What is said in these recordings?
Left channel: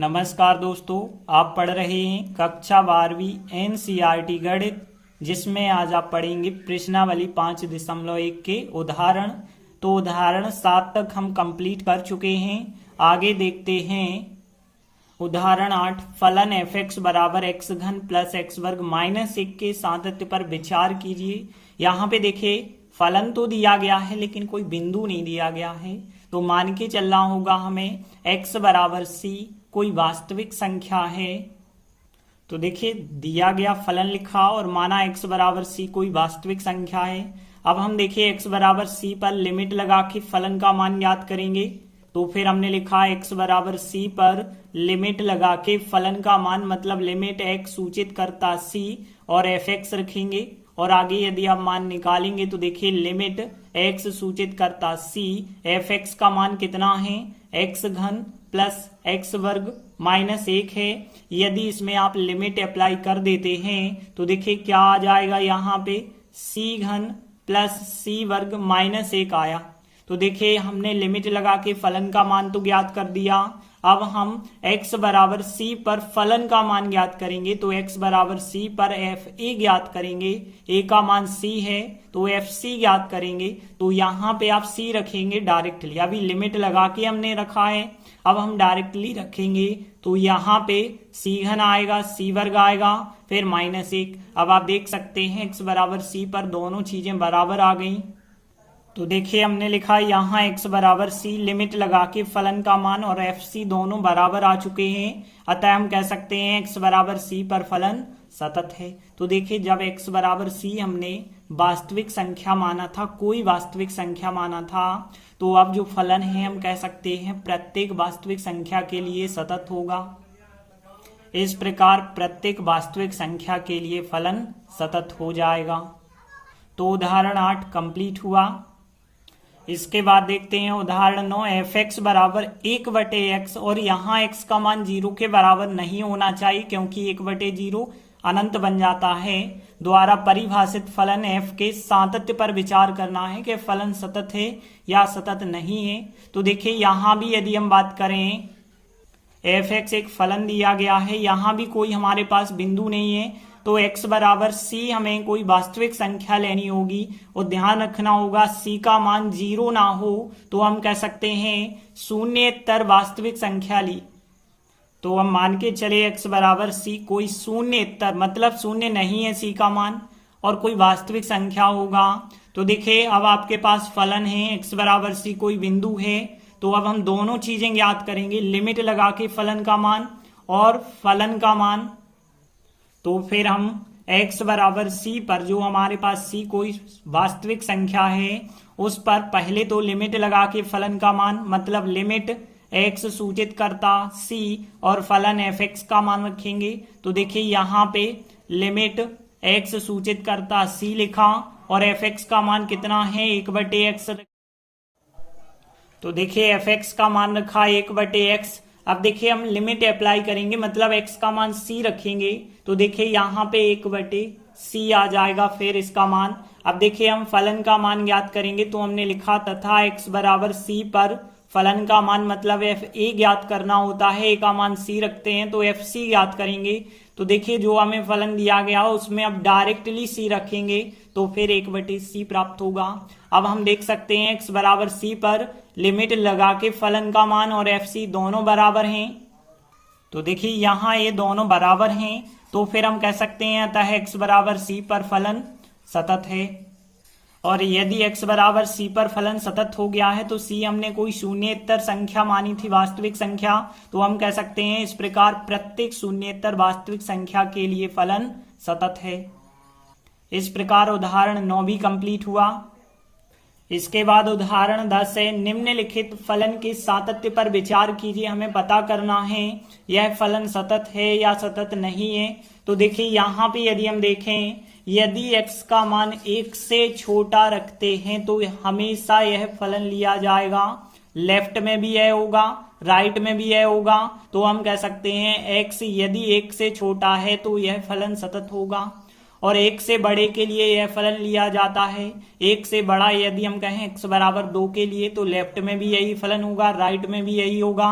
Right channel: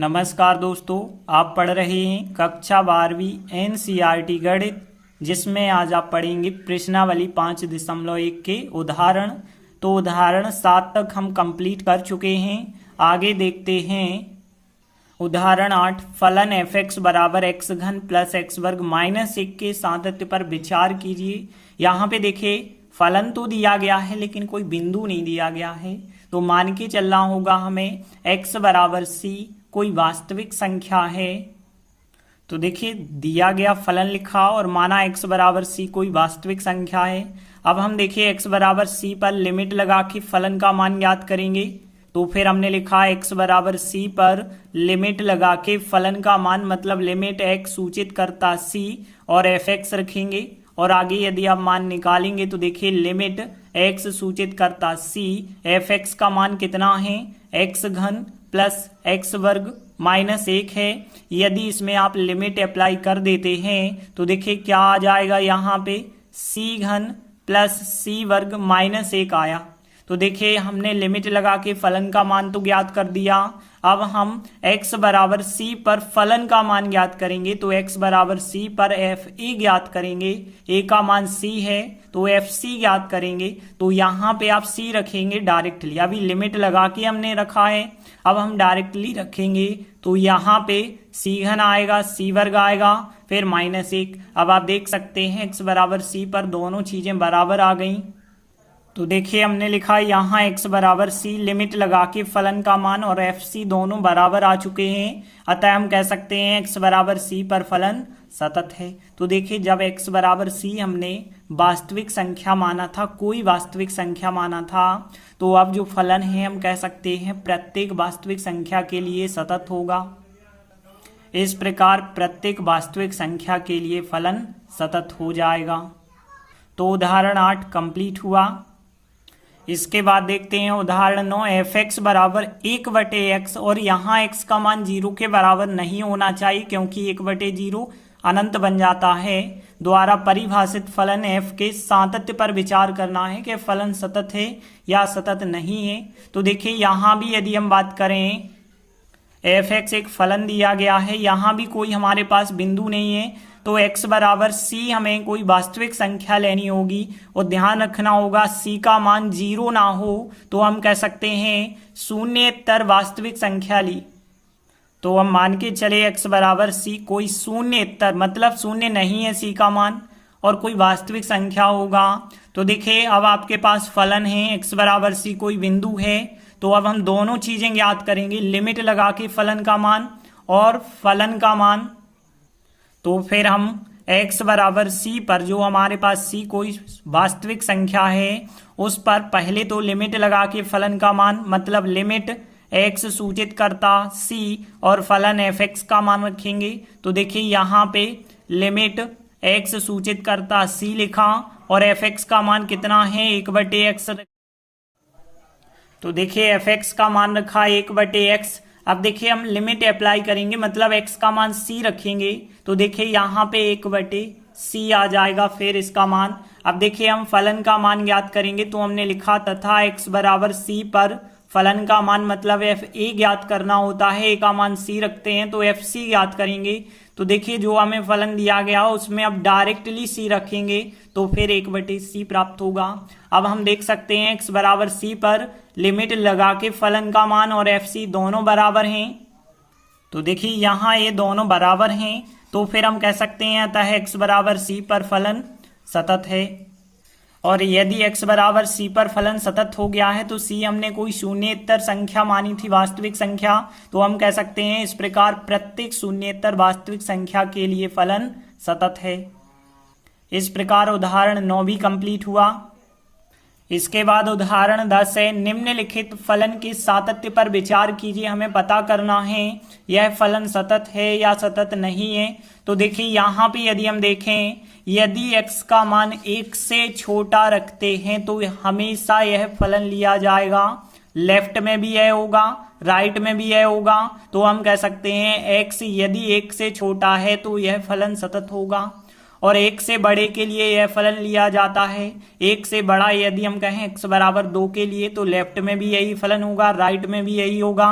नमस्कार दोस्तों, आप पढ़ रहे हैं कक्षा 12वीं एनसीईआरटी गणित, जिसमें आज आप पढ़ेंगे प्रश्नावली 5.1 के उदाहरण। तो उदाहरण 7 तक हम कंप्लीट कर चुके हैं। आगे देखते हैं उदाहरण 8। फलन f(x) बराबर x घन प्लस x वर्ग माइनस 1 के सातत्य पर विचार कीजिए। यहाँ पे देखिए फलन तो दिया गया है लेकिन कोई बिंदु नहीं दिया गया है, तो मान के चलना होगा हमें x बराबर c कोई वास्तविक संख्या है। तो देखिए दिया गया फलन लिखा और माना x बराबर c कोई वास्तविक संख्या है। अब हम देखिए x बराबर c पर लिमिट लगा के फलन का मान ज्ञात करेंगे। तो फिर हमने लिखा x बराबर c पर लिमिट लगा के फलन का मान, मतलब लिमिट x सूचित करता c और fx रखेंगे। और आगे यदि आप मान निकालेंगे तो देखिए लिमिट x सूचित करता c, fx का मान कितना है, x घन प्लस x वर्ग माइनस 1 है। यदि इसमें आप लिमिट अप्लाई कर देते हैं तो देखिए क्या आ जाएगा, यहाँ पे c घन प्लस c वर्ग माइनस 1 आया। तो देखिए हमने लिमिट लगा के फलन का मान तो ज्ञात कर दिया। अब हम x बराबर c पर फलन का मान ज्ञात करेंगे। तो x बराबर c पर fa ज्ञात करेंगे। a का मान c है तो fc ज्ञात करेंगे। तो यहाँ पे आप c रखेंगे डायरेक्टली। अभी लिमिट लगा के हमने रखा है, अब हम डायरेक्टली रखेंगे। तो यहाँ पे c घन आएगा, c वर्ग आएगा, फिर माइनस 1। अब आप देख सकते हैं x बराबर c पर दोनों चीजें बराबर आ गई। तो देखिए हमने लिखा यहाँ x बराबर c, लिमिट लगा के फलन का मान और fc दोनों बराबर आ चुके हैं। अतः हम कह सकते हैं x बराबर c पर फलन सतत है। तो देखिए जब x बराबर c हमने वास्तविक संख्या माना था, कोई वास्तविक संख्या माना था, तो अब जो फलन है हम कह सकते हैं प्रत्येक वास्तविक संख्या के लिए सतत होगा। इस प्रकार प्रत्येक वास्तविक संख्या के लिए फलन सतत हो जाएगा। तो उदाहरण 8 कंप्लीट हुआ। इसके बाद देखते हैं उदाहरण 9। f(x) बराबर 1/x और यहाँ x का मान 0 के बराबर नहीं होना चाहिए, क्योंकि 1/0 अनंत बन जाता है, द्वारा परिभाषित फलन f के सातत्य पर विचार करना है कि फलन सतत है या सतत नहीं है। तो देखिए यहाँ भी यदि हम बात करें f(x) एक फलन दिया गया है, यहाँ भी कोई हमारे पास बिंदु नहीं है, तो x बराबर c हमें कोई वास्तविक संख्या लेनी होगी और ध्यान रखना होगा c का मान 0 ना हो। तो हम कह सकते हैं शून्येतर वास्तविक संख्या ली। तो हम मान के चले x बराबर c कोई शून्येतर, मतलब शून्य नहीं है c का मान, और कोई वास्तविक संख्या होगा। तो देखिए अब आपके पास फलन है, x बराबर c कोई बिंदु है। तो अब हम दोनों चीजें ज्ञात करेंगे, लिमिट लगा के फलन का मान और फलन का मान। तो फिर हम x बराबर c पर, जो हमारे पास c कोई वास्तविक संख्या है, उस पर पहले तो लिमिट लगा के फलन का मान, मतलब लिमिट x सूचित करता c और फलन fx का मान रखेंगे। तो देखिए यहाँ पे लिमिट x सूचित करता c लिखा और fx का मान कितना है, 1/x। तो देखिए fx का मान रखा 1/x। अब देखिए हम लिमिट अप्लाई करेंगे, मतलब x का मान c रखेंगे। तो देखिए यहाँ पे 1/c आ जाएगा, फिर इसका मान। अब देखिए हम फलन का मान ज्ञात करेंगे। तो हमने लिखा तथा x बराबर c पर फलन का मान, मतलब fa ज्ञात करना होता है, a का मान c रखते हैं तो fc ज्ञात करेंगे। तो देखिए जो हमें फलन दिया गया उसमें अब डायरेक्टली c रखेंगे तो फिर 1/c प्राप्त होगा। अब हम देख सकते हैं x बराबर c पर लिमिट लगा के फलन का मान और fc दोनों बराबर हैं। तो देखिए यहाँ ये दोनों बराबर हैं, तो फिर हम कह सकते हैं अतः x बराबर c पर फलन सतत है। और यदि x बराबर c पर फलन सतत हो गया है तो c हमने कोई शून्येतर संख्या मानी थी, वास्तविक संख्या, तो हम कह सकते हैं इस प्रकार प्रत्येक शून्येतर वास्तविक संख्या के लिए फलन सतत है। इस प्रकार उदाहरण 9 भी कंप्लीट हुआ। इसके बाद उदाहरण 10 है। निम्नलिखित फलन के सातत्य पर विचार कीजिए। हमें पता करना है यह फलन सतत है या सतत नहीं है। तो देखिए यहाँ पे यदि हम देखें, यदि x का मान 1 से छोटा रखते हैं तो हमेशा यह फलन लिया जाएगा। लेफ्ट में भी यह होगा, राइट में भी यह होगा। तो हम कह सकते हैं x यदि 1 से छोटा है तो यह फलन सतत होगा, और 1 से बड़े के लिए यह फलन लिया जाता है। 1 से बड़ा यदि हम कहें x बराबर 2 के लिए तो लेफ्ट में भी यही फलन होगा, राइट में भी यही होगा।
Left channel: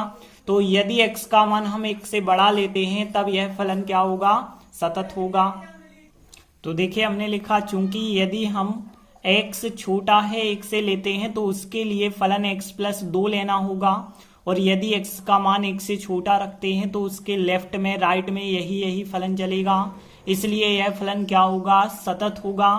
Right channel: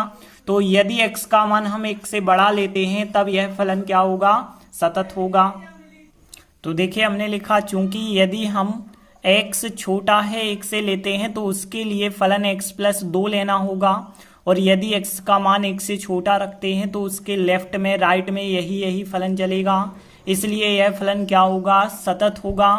तो यदि x का मान हम 1 से बड़ा लेते हैं तब यह फलन क्या होगा, सतत होगा। तो देखिए हमने लिखा चूंकि यदि हम x छोटा है 1 से लेते हैं तो उसके लिए फलन x प्लस 2 लेना होगा, और यदि x का मान 1 से छोटा रखते हैं तो उसके लेफ्ट में राइट में यही फलन चलेगा, इसलिए यह फलन क्या होगा, सतत होगा।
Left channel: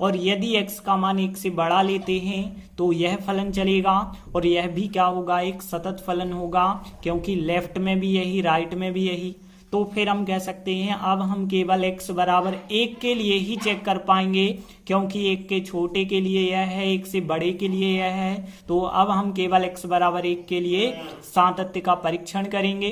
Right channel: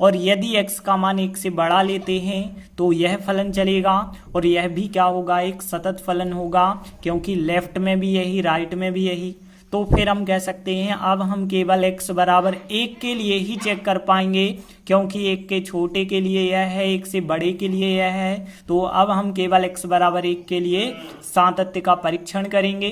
और यदि x का मान 1 से बड़ा लेते हैं तो यह फलन चलेगा, और यह भी क्या होगा, एक सतत फलन होगा, क्योंकि लेफ्ट में भी यही राइट में भी यही। तो फिर हम कह सकते हैं अब हम केवल x बराबर 1 के लिए ही चेक कर पाएंगे, क्योंकि 1 के छोटे के लिए यह है, 1 से बड़े के लिए यह है। तो अब हम केवल x बराबर 1 के लिए सातत्य का परीक्षण करेंगे।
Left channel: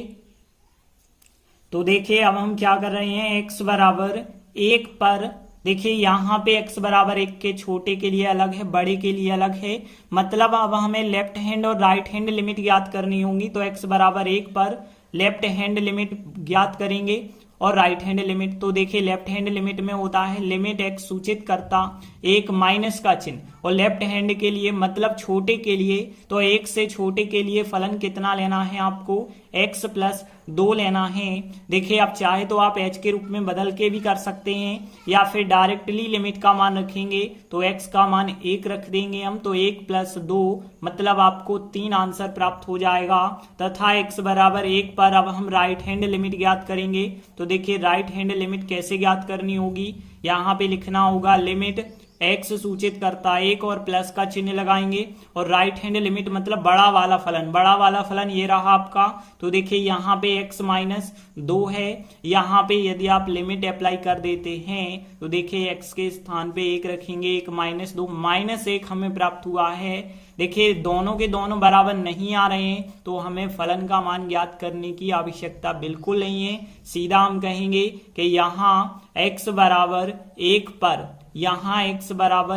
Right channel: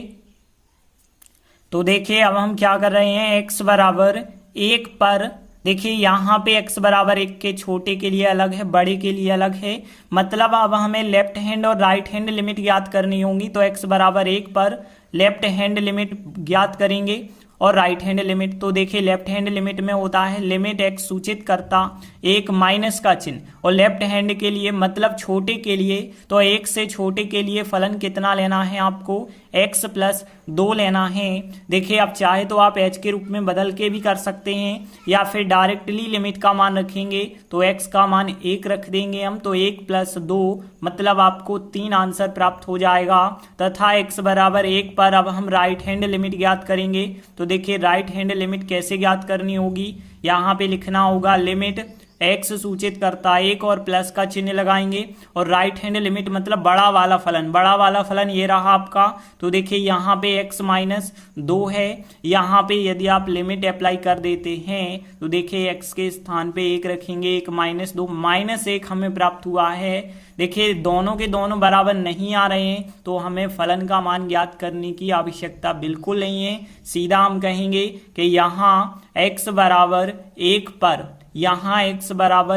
तो देखिए अब हम क्या कर रहे हैं, x बराबर 1 पर देखिए यहाँ पे x बराबर 1 के छोटे के लिए अलग है, बड़े के लिए अलग है, मतलब अब हमें लेफ्ट हैंड और राइट हैंड लिमिट ज्ञात करनी होंगी। तो x बराबर 1 पर लेफ्ट हैंड लिमिट ज्ञात करेंगे और राइट हैंड लिमिट। तो देखिए लेफ्ट हैंड लिमिट में होता है लिमिट x सूचित करता एक माइनस का चिन्ह, और लेफ्ट हैंड के लिए मतलब छोटे के लिए तो 1 से छोटे के लिए फलन कितना लेना है, आपको x प्लस 2 लेना है। देखिए आप चाहे तो आप h के रूप में बदल के भी कर सकते हैं, या फिर डायरेक्टली लिमिट का मान रखेंगे तो x का मान 1 रख देंगे हम, तो 1 प्लस 2 मतलब आपको 3 आंसर प्राप्त हो जाएगा। तथा x बराबर 1 पर अब हम राइट हैंड लिमिट ज्ञात करेंगे। तो देखिए राइट हैंड लिमिट कैसे ज्ञात करनी होगी, यहाँ पे लिखना होगा लिमिट x सूचित करता 1 और प्लस का चिन्ह लगाएंगे, और राइट हैंड लिमिट मतलब बड़ा वाला फलन ये रहा आपका। तो देखिए यहाँ पे x माइनस 2 है, यहाँ पे यदि आप लिमिट अप्लाई कर देते हैं तो देखिए x के स्थान पे 1 रखेंगे, 1 माइनस 2 माइनस 1 हमें प्राप्त हुआ है। देखिए दोनों के दोनों बराबर नहीं आ रहे हैं, तो हमें फलन का मान ज्ञात करने की आवश्यकता बिल्कुल नहीं है। सीधा हम कहेंगे कि यहाँ x बराबर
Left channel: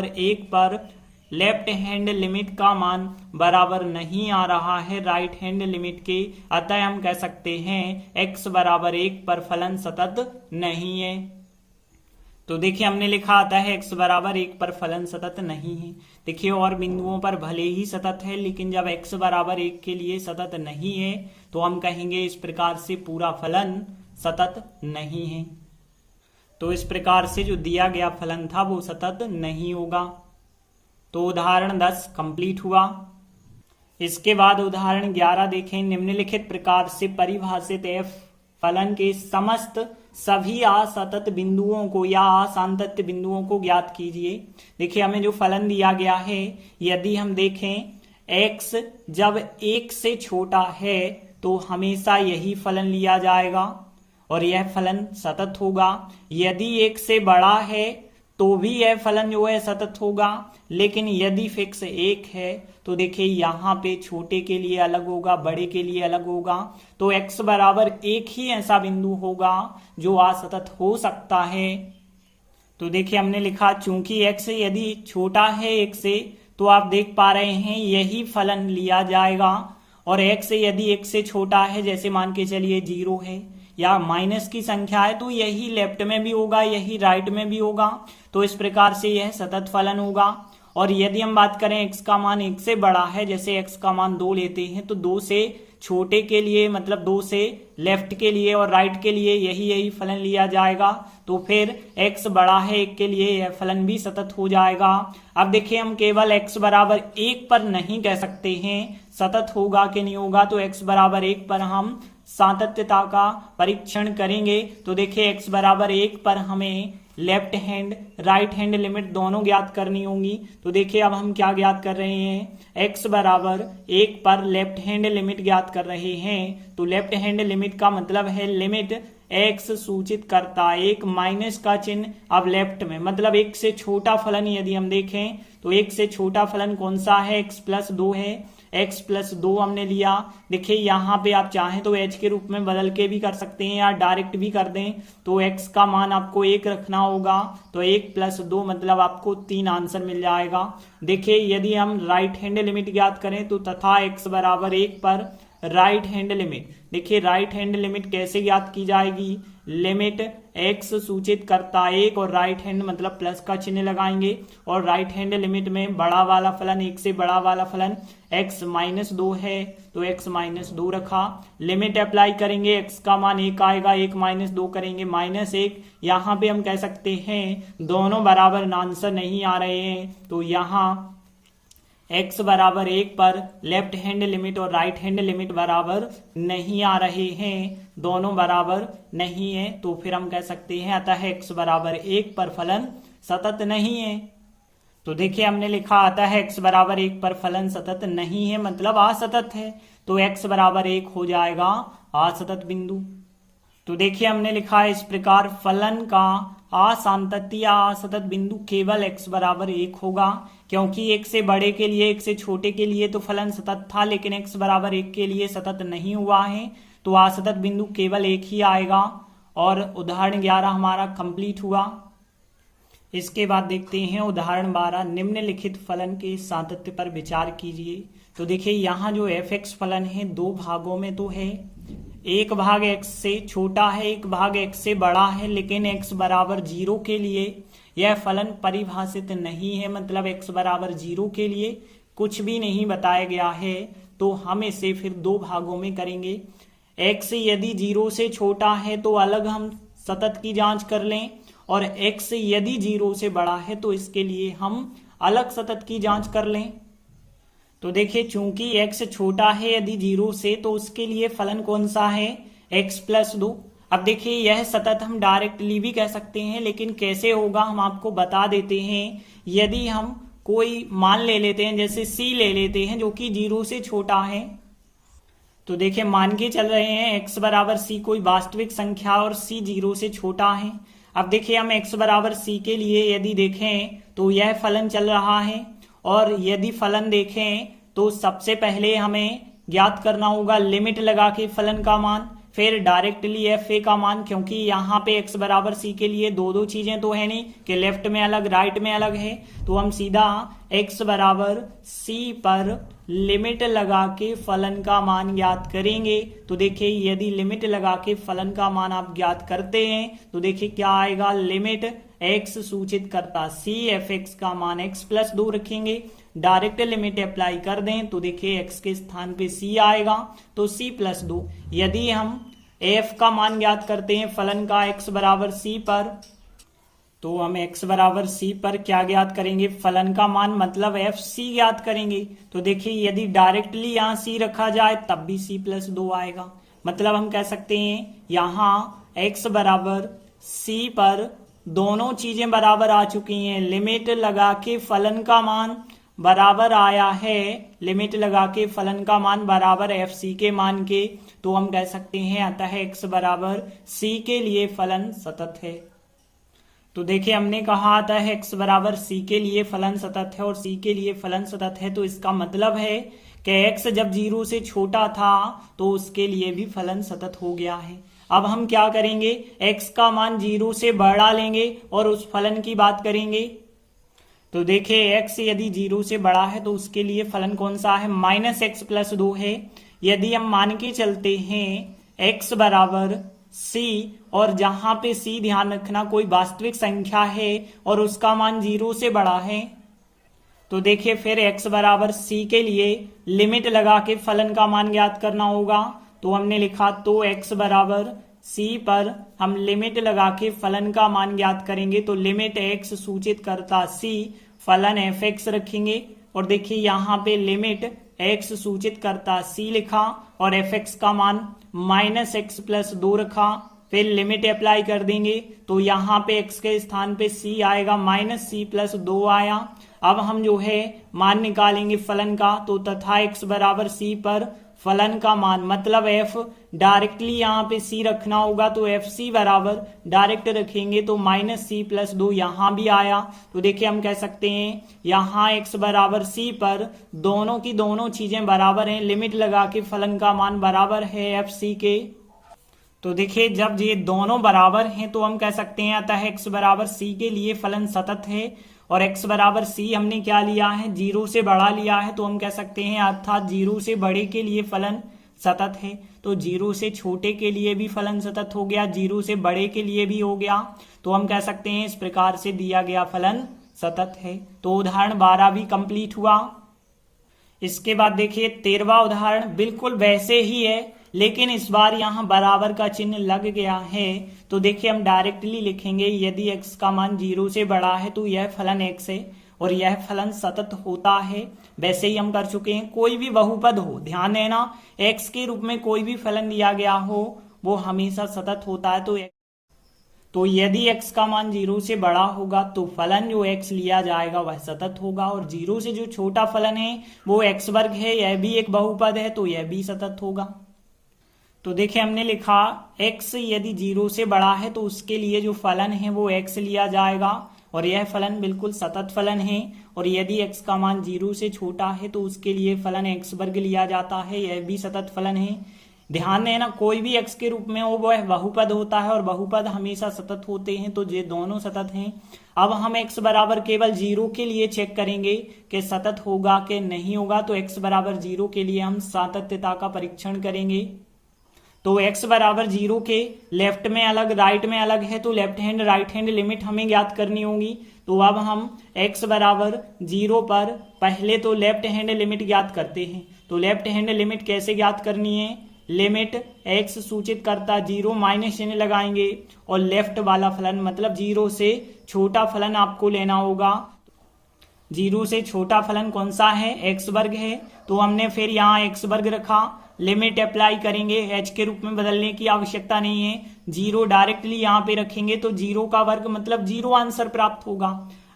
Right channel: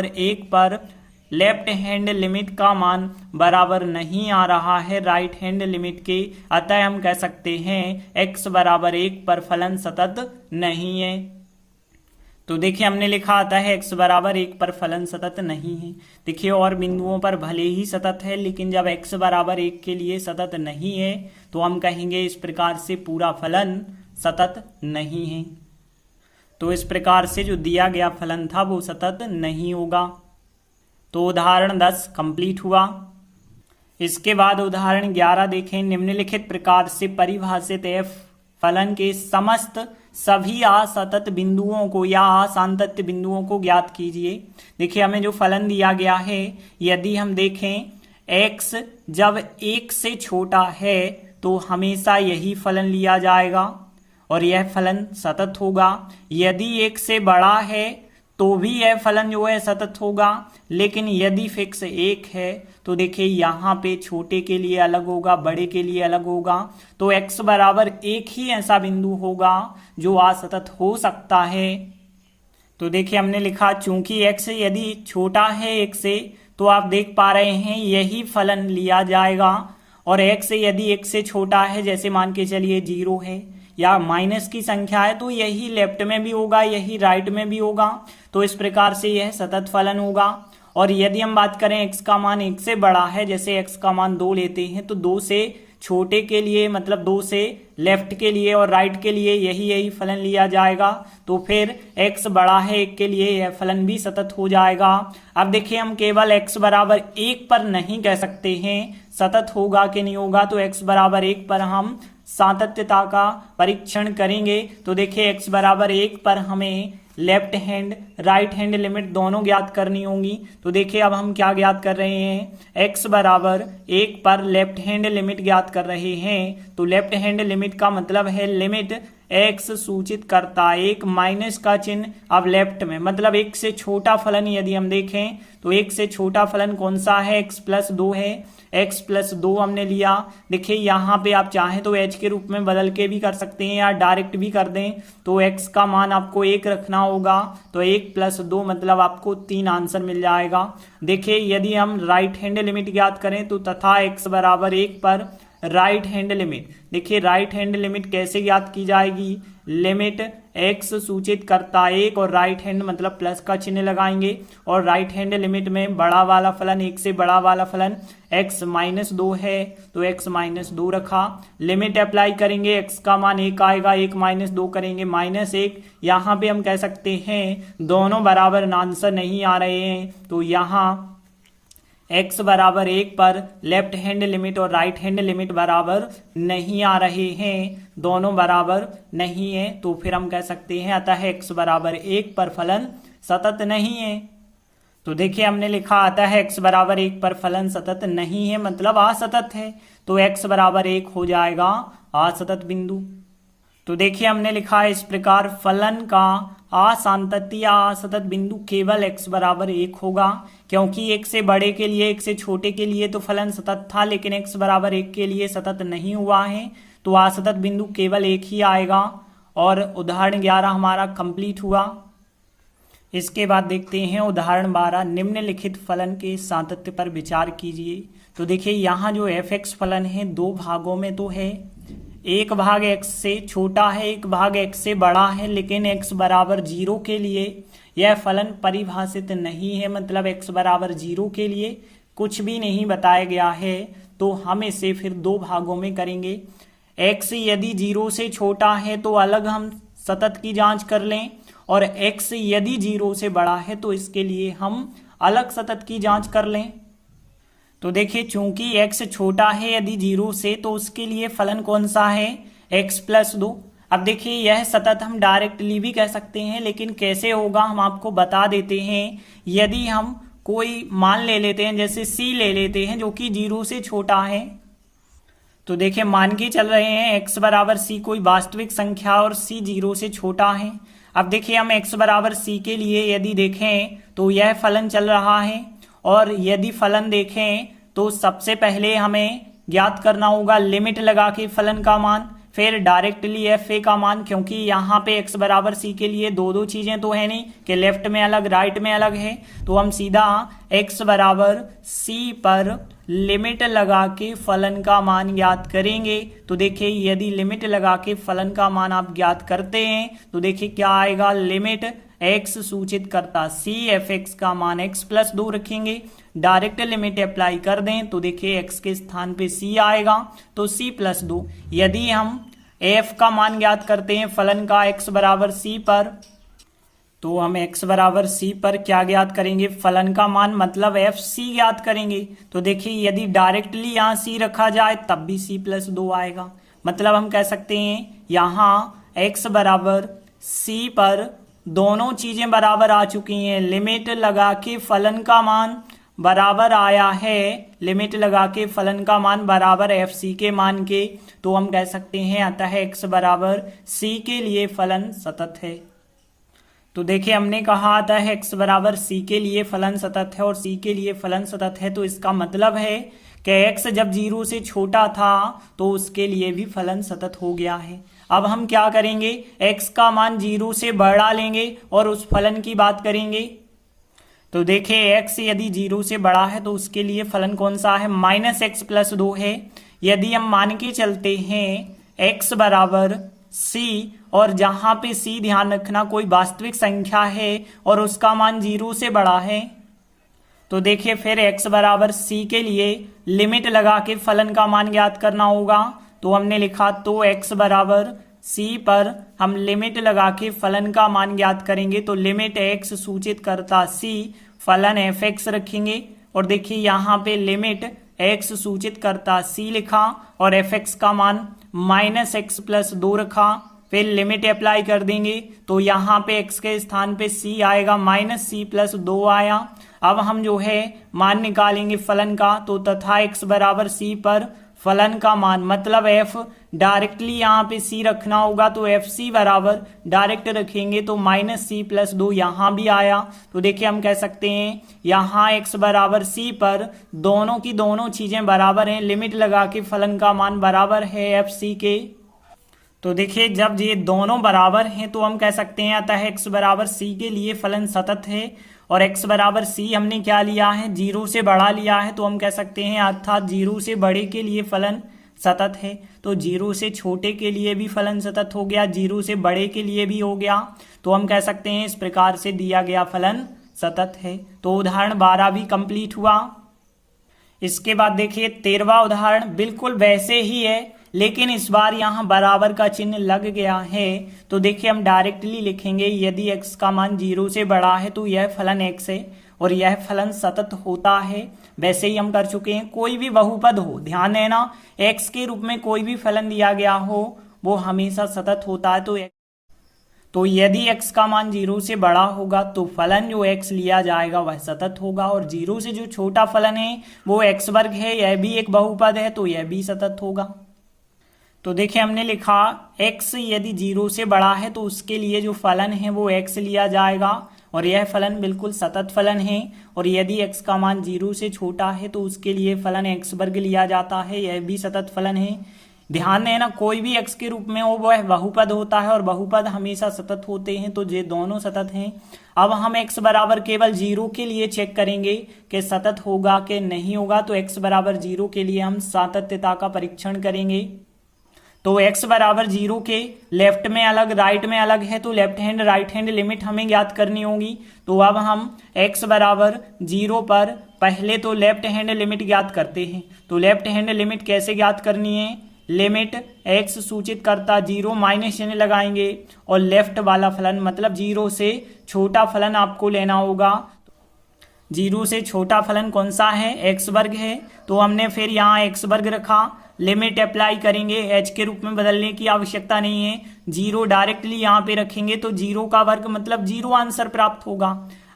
1 पर लेफ्ट हैंड लिमिट का मान बराबर नहीं आ रहा है राइट हैंड लिमिट के, अतः हम कह सकते हैं x बराबर 1 पर फलन सतत नहीं है। तो देखिए हमने लिखा आता है x बराबर 1 पर फलन सतत नहीं है। देखिए और बिंदुओं पर भले ही सतत है, लेकिन जब x बराबर 1 के लिए सतत नहीं है तो हम कहेंगे इस प्रकार से पूरा फलन सतत नहीं है। तो इस प्रकार से जो दिया गया फलन था वो सतत नहीं होगा। तो उदाहरण 10 कंप्लीट हुआ। इसके बाद उदाहरण 11 देखें। निम्नलिखित प्रकार से परिभाषित f फलन के समस्त सभी असतत बिंदुओं को या असांतत्य बिंदुओं को ज्ञात कीजिए। देखिए हमें जो फलन दिया गया है, यदि हम देखें x जब 1 से छोटा है तो हमेशा यही फलन लिया जाएगा और यह फलन सतत होगा। यदि 1 से बड़ा है तो भी यह फलन जो है सतत होगा, लेकिन यदि फिक्स 1 है तो देखिए यहाँ पे छोटे के लिए अलग होगा, बड़े के लिए अलग होगा। तो x बराबर 1 ही ऐसा बिंदु होगा जो असतत हो सकता है। तो देखिए हमने लिखा चूंकि x यदि छोटा है 1 से तो आप देख पा रहे हैं यही फलन लिया जाएगा, और x यदि 1 से छोटा है, जैसे मान के चलिए 0 है या माइनस की संख्या है, तो यही लेफ्ट में भी होगा, यही राइट में भी होगा। तो इस प्रकार से यह सतत फलन होगा। और यदि हम बात करें x का मान 1 से बड़ा है, जैसे x का मान 2 लेते हैं, तो 2 से छोटे के लिए मतलब 2 से लेफ्ट के लिए और राइट के लिए यही फलन लिया जाएगा। तो फिर x बड़ा है 1 के लिए यह फलन भी सतत हो जाएगा। अब देखिए हम केवल x बराबर 1 पर नहीं कह सकते हैं सतत होगा कि नहीं होगा, तो x बराबर 1 पर हम सातत्यता का परीक्षण करेंगे। तो देखिए x बराबर 1 पर हमें left hand right hand limit दोनों ज्ञात करनी होंगी। तो देखिए अब हम क्या ज्ञात कर रहे हैं, x बराबर 1 पर लेफ्ट हैंड लिमिट ज्ञात कर रहे हैं। तो लेफ्ट हैंड लिमिट का मतलब है लिमिट x सूचित करता 1 माइनस का चिन्ह अब लेफ्ट में, मतलब 1 से छोटा फलन यदि हम देखें तो 1 से छोटा फलन कौन सा है, x प्लस 2 है। x प्लस 2 हमने लिया। देखिए यहाँ पे आप चाहें तो h के रूप में बदल के भी कर सकते हैं या डायरेक्ट भी कर दें। तो x का मान आपको 1 रखना होगा, तो 1 प्लस 2 मतलब आपको 3 आंसर मिल जाएगा। देखिए यदि हम राइट हैंड लिमिट ज्ञात करें तो तथा x बराबर 1 पर राइट हैंड लिमिट। देखिए राइट हैंड लिमिट कैसे ज्ञात की जाएगी, लिमिट x सूचित करता 1 और राइट हैंड मतलब प्लस का चिन्ह लगाएंगे, और राइट हैंड लिमिट में बड़ा वाला फलन 1 से बड़ा वाला फलन x -2 है तो x -2 रखा। लिमिट अप्लाई करेंगे, x का मान 1 आएगा, 1 -2 करेंगे -1। यहाँ पे हम कह सकते हैं दोनों बराबर आंसर नहीं आ रहे हैं, तो यहाँ x बराबर 1 पर लेफ्ट हैंड लिमिट और राइट हैंड लिमिट बराबर नहीं आ रहे हैं, दोनों बराबर नहीं है। तो फिर हम कह सकते हैं अतः x बराबर 1 पर फलन सतत नहीं है। तो देखिए हमने लिखा अतः x बराबर 1 पर फलन सतत नहीं है मतलब असतत है, तो x बराबर 1 हो जाएगा असतत बिंदु। तो देखिए हमने लिखा है इस प्रकार फलन का असांतत्य या असतत बिंदु केवल x बराबर 1 होगा, क्योंकि 1 से बड़े के लिए 1 से छोटे के लिए तो फलन सतत था, लेकिन x बराबर 1 के लिए सतत नहीं हुआ है, तो असतत बिंदु केवल 1 ही आएगा। और उदाहरण 11 हमारा कंप्लीट हुआ। इसके बाद देखते हैं उदाहरण 12, निम्नलिखित फलन के सातत्य पर विचार कीजिए। तो देखिए यहाँ जो f(x) फलन है दो भागों में तो है, एक भाग x से छोटा है, एक भाग x से बड़ा है, लेकिन x बराबर 0 के लिए यह फलन परिभाषित नहीं है, मतलब x बराबर 0 के लिए कुछ भी नहीं बताया गया है। तो हम इसे फिर दो भागों में करेंगे। x यदि 0 से छोटा है तो अलग हम सतत की जांच कर लें, और x यदि 0 से बड़ा है तो इसके लिए हम अलग सतत की जांच कर लें। तो देखिए चूंकि x छोटा है यदि 0 से, तो उसके लिए फलन कौन सा है, x+2। अब देखिए यह सतत हम डायरेक्टली भी कह सकते हैं, लेकिन कैसे होगा हम आपको बता देते हैं। यदि हम कोई मान ले लेते हैं, जैसे c ले लेते हैं जो कि 0 से छोटा है, तो देखिए मान के चल रहे हैं x बराबर c कोई वास्तविक संख्या और c 0 से छोटा है। अब देखिए हम x बराबर c के लिए यदि देखें तो यह फलन चल रहा है, और यदि फलन देखें तो सबसे पहले हमें ज्ञात करना होगा लिमिट लगा के फलन का मान, फिर डायरेक्टली fa का मान, क्योंकि यहाँ पे x बराबर c के लिए दो चीजें तो है नहीं कि लेफ्ट में अलग राइट में अलग है, तो हम सीधा x बराबर c पर लिमिट लगा के फलन का मान ज्ञात करेंगे। तो देखिए यदि लिमिट लगा के फलन का मान आप ज्ञात करते हैं तो देखिए क्या आएगा, लिमिट x सूचित करता c f(x) का मान x+2 रखेंगे, डायरेक्ट लिमिट अप्लाई कर दें तो देखिए x के स्थान पे c आएगा तो c+2। यदि हम f का मान ज्ञात करते हैं फलन का x बराबर c पर, तो हम x बराबर c पर क्या ज्ञात करेंगे, फलन का मान मतलब fc ज्ञात करेंगे। तो देखिए यदि डायरेक्टली यहाँ c रखा जाए तब भी c+2 आएगा, मतलब हम कह सकते हैं यहाँ x बराबर c पर दोनों चीजें बराबर आ चुकी हैं। लिमिट लगा के फलन का मान बराबर आया है, लिमिट लगा के फलन का मान बराबर fc के मान के, तो हम कह सकते हैं अतः x बराबर c के लिए फलन सतत है। तो देखिए हमने कहा था x बराबर c के लिए फलन सतत है और c के लिए फलन सतत है, तो इसका मतलब है कि x जब 0 से छोटा था तो उसके लिए भी फलन सतत हो गया है। अब हम क्या करेंगे, x का मान 0 से बड़ा लेंगे और उस फलन की बात करेंगे। तो देखिए x यदि 0 से बड़ा है तो उसके लिए फलन कौन सा है, -x+2 है। यदि हम मान के चलते हैं x बराबर c, और जहां पे c ध्यान रखना कोई वास्तविक संख्या है और उसका मान 0 से बड़ा है, तो देखिए फिर x बराबर c के लिए लिमिट लगा के फलन का मान ज्ञात करना होगा। तो हमने लिखा तो x बराबर c पर हम लिमिट लगा के फलन का मान ज्ञात करेंगे, तो लिमिट x सूचित करता c फलन f(x) रखेंगे, और देखिए यहाँ पे लिमिट x सूचित करता c लिखा और f(x) का मान -x+2 रखा, फिर लिमिट अप्लाई कर देंगे तो यहाँ पे x के स्थान पे c आएगा, -c+2 आया। अब हम जो है मान निकालेंगे फलन का, तो तथा x बराबर c पर फलन का मान मतलब f डायरेक्टली यहाँ पे c रखना होगा, तो fc बराबर डायरेक्ट रखेंगे तो -c+2 यहाँ भी आया। तो देखिए हम कह सकते हैं यहाँ x बराबर c पर दोनों की दोनों चीजें बराबर हैं, लिमिट लगा के फलन का मान बराबर है fc के। तो देखिए जब ये दोनों बराबर हैं तो हम कह सकते हैं अतः x बराबर c के लिए फलन सतत है, और x बराबर c हमने क्या लिया है, 0 से बड़ा लिया है, तो हम कह सकते हैं अर्थात 0 से बड़े के लिए फलन सतत है। तो 0 से छोटे के लिए भी फलन सतत हो गया, 0 से बड़े के लिए भी हो गया। तो हम कह सकते हैं इस प्रकार से दिया गया फलन सतत है। तो उदाहरण 12 भी कंप्लीट हुआ। इसके बाद देखिए 13वां उदाहरण बिल्कुल वैसे ही है, लेकिन इस बार यहां बराबर का चिन्ह लग गया है। तो देखिए हम डायरेक्टली लिखेंगे, यदि x का मान 0 से बड़ा है तो यह फलन x है और यह फलन सतत होता है। वैसे ही हम कर चुके हैं। कोई भी बहुपद हो, ध्यान देना, x के रूप में कोई भी फलन दिया गया हो वो हमेशा सतत होता है। तो यदि x का मान 0 से बड़ा होगा तो फलन जो x लिया जाएगा वह सतत होगा, और 0 से जो छोटा फलन है वो x वर्ग है, यह भी एक बहुपद है, तो यह भी सतत होगा। तो देखिए हमने लिखा x यदि 0 से बड़ा है तो उसके लिए जो फलन है वो x लिया जाएगा और यह फलन बिल्कुल सतत फलन है। और यदि x का मान 0 से छोटा है तो उसके लिए फलन x वर्ग लिया जाता है, यह भी सतत फलन है। ध्यान देना, कोई भी x के रूप में हो वह बहुपद होता है और बहुपद हमेशा सतत होते हैं, तो ये दोनों सतत हैं। अब हम x बराबर केवल 0 के लिए चेक करेंगे कि सतत होगा कि नहीं होगा। तो x बराबर 0 के लिए हम सातत्यता का परीक्षण करेंगे। तो x बराबर 0 के लेफ्ट में अलग राइट में अलग है, तो left hand right hand limit हमें ज्ञात करनी होगी। तो अब हम x बराबर 0 पर पहले तो लेफ्ट हैंड लिमिट ज्ञात करते हैं। तो लेफ्ट हैंड लिमिट कैसे ज्ञात करनी है, लिमिट x सूचित करता 0 माइनस चिन्ह लगाएंगे और लेफ्ट वाला फलन मतलब 0 से छोटा फलन आपको लेना होगा। 0 से छोटा फलन कौन सा है, x वर्ग है, तो हमने फिर यहाँ x वर्ग रखा। लिमिट अप्लाई करेंगे, h के रूप में बदलने की आवश्यकता नहीं है, 0 डायरेक्टली यहाँ पे रखेंगे तो 0 का वर्ग मतलब 0 आंसर प्राप्त होगा।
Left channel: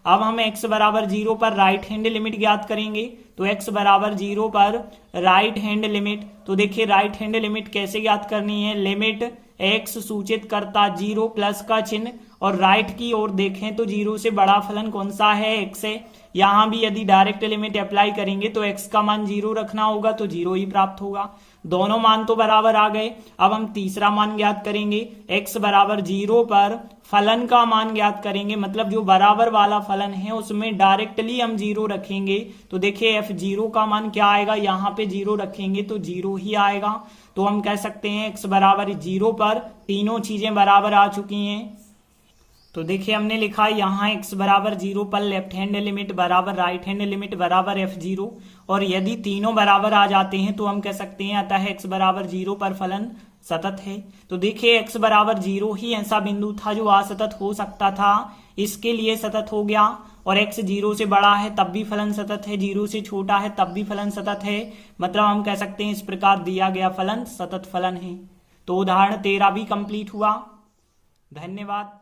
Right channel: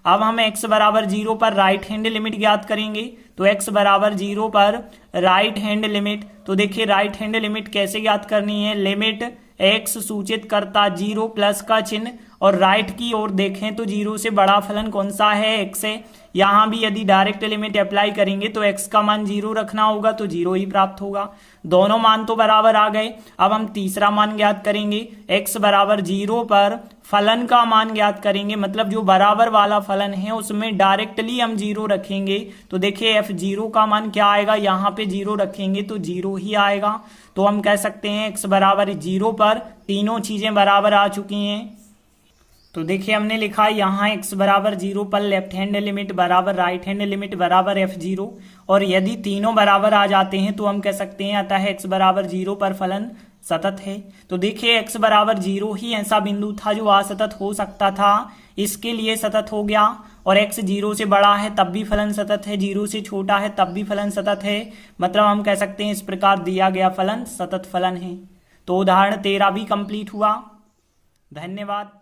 अब हम x बराबर 0 पर राइट हैंड लिमिट ज्ञात करेंगे। तो x बराबर 0 पर राइट हैंड लिमिट, तो देखिए राइट हैंड लिमिट कैसे ज्ञात करनी है, लिमिट x सूचित करता 0 प्लस का चिन्ह और राइट की ओर देखें तो 0 से बड़ा फलन कौन सा है, x है। यहां भी यदि डायरेक्ट लिमिट अप्लाई करेंगे तो x का मान 0 रखना होगा, तो 0 ही प्राप्त होगा। दोनों मान तो बराबर आ गए। अब हम तीसरा मान ज्ञात करेंगे, x बराबर 0 पर फलन का मान ज्ञात करेंगे, मतलब जो बराबर वाला फलन है उसमें डायरेक्टली हम 0 रखेंगे। तो देखिए f0 का मान क्या आएगा, यहाँ पे 0 रखेंगे तो 0 ही आएगा। तो हम कह सकते हैं x बराबर 0 पर तीनों चीजें बराबर आ चुकी हैं। तो देखिए हमने लिखा यहाँ x बराबर 0 पर लेफ्ट हैंड लिमिट बराबर राइट हैंड लिमिट बराबर f0, और यदि तीनों बराबर आ जाते हैं तो हम कह सकते हैं अतः x बराबर 0 पर फलन सतत है। तो देखिए x बराबर 0 ही ऐसा बिंदु था जो असतत हो सकता था, इसके लिए सतत हो गया। और x 0 से बड़ा है तब भी फलन सतत है, 0 से छोटा है तब भी फलन सतत है, मतलब हम कह सकते हैं इस प्रकार दिया गया फलन सतत फलन है। तो उदाहरण 13 भी कंप्लीट हुआ। धन्यवाद।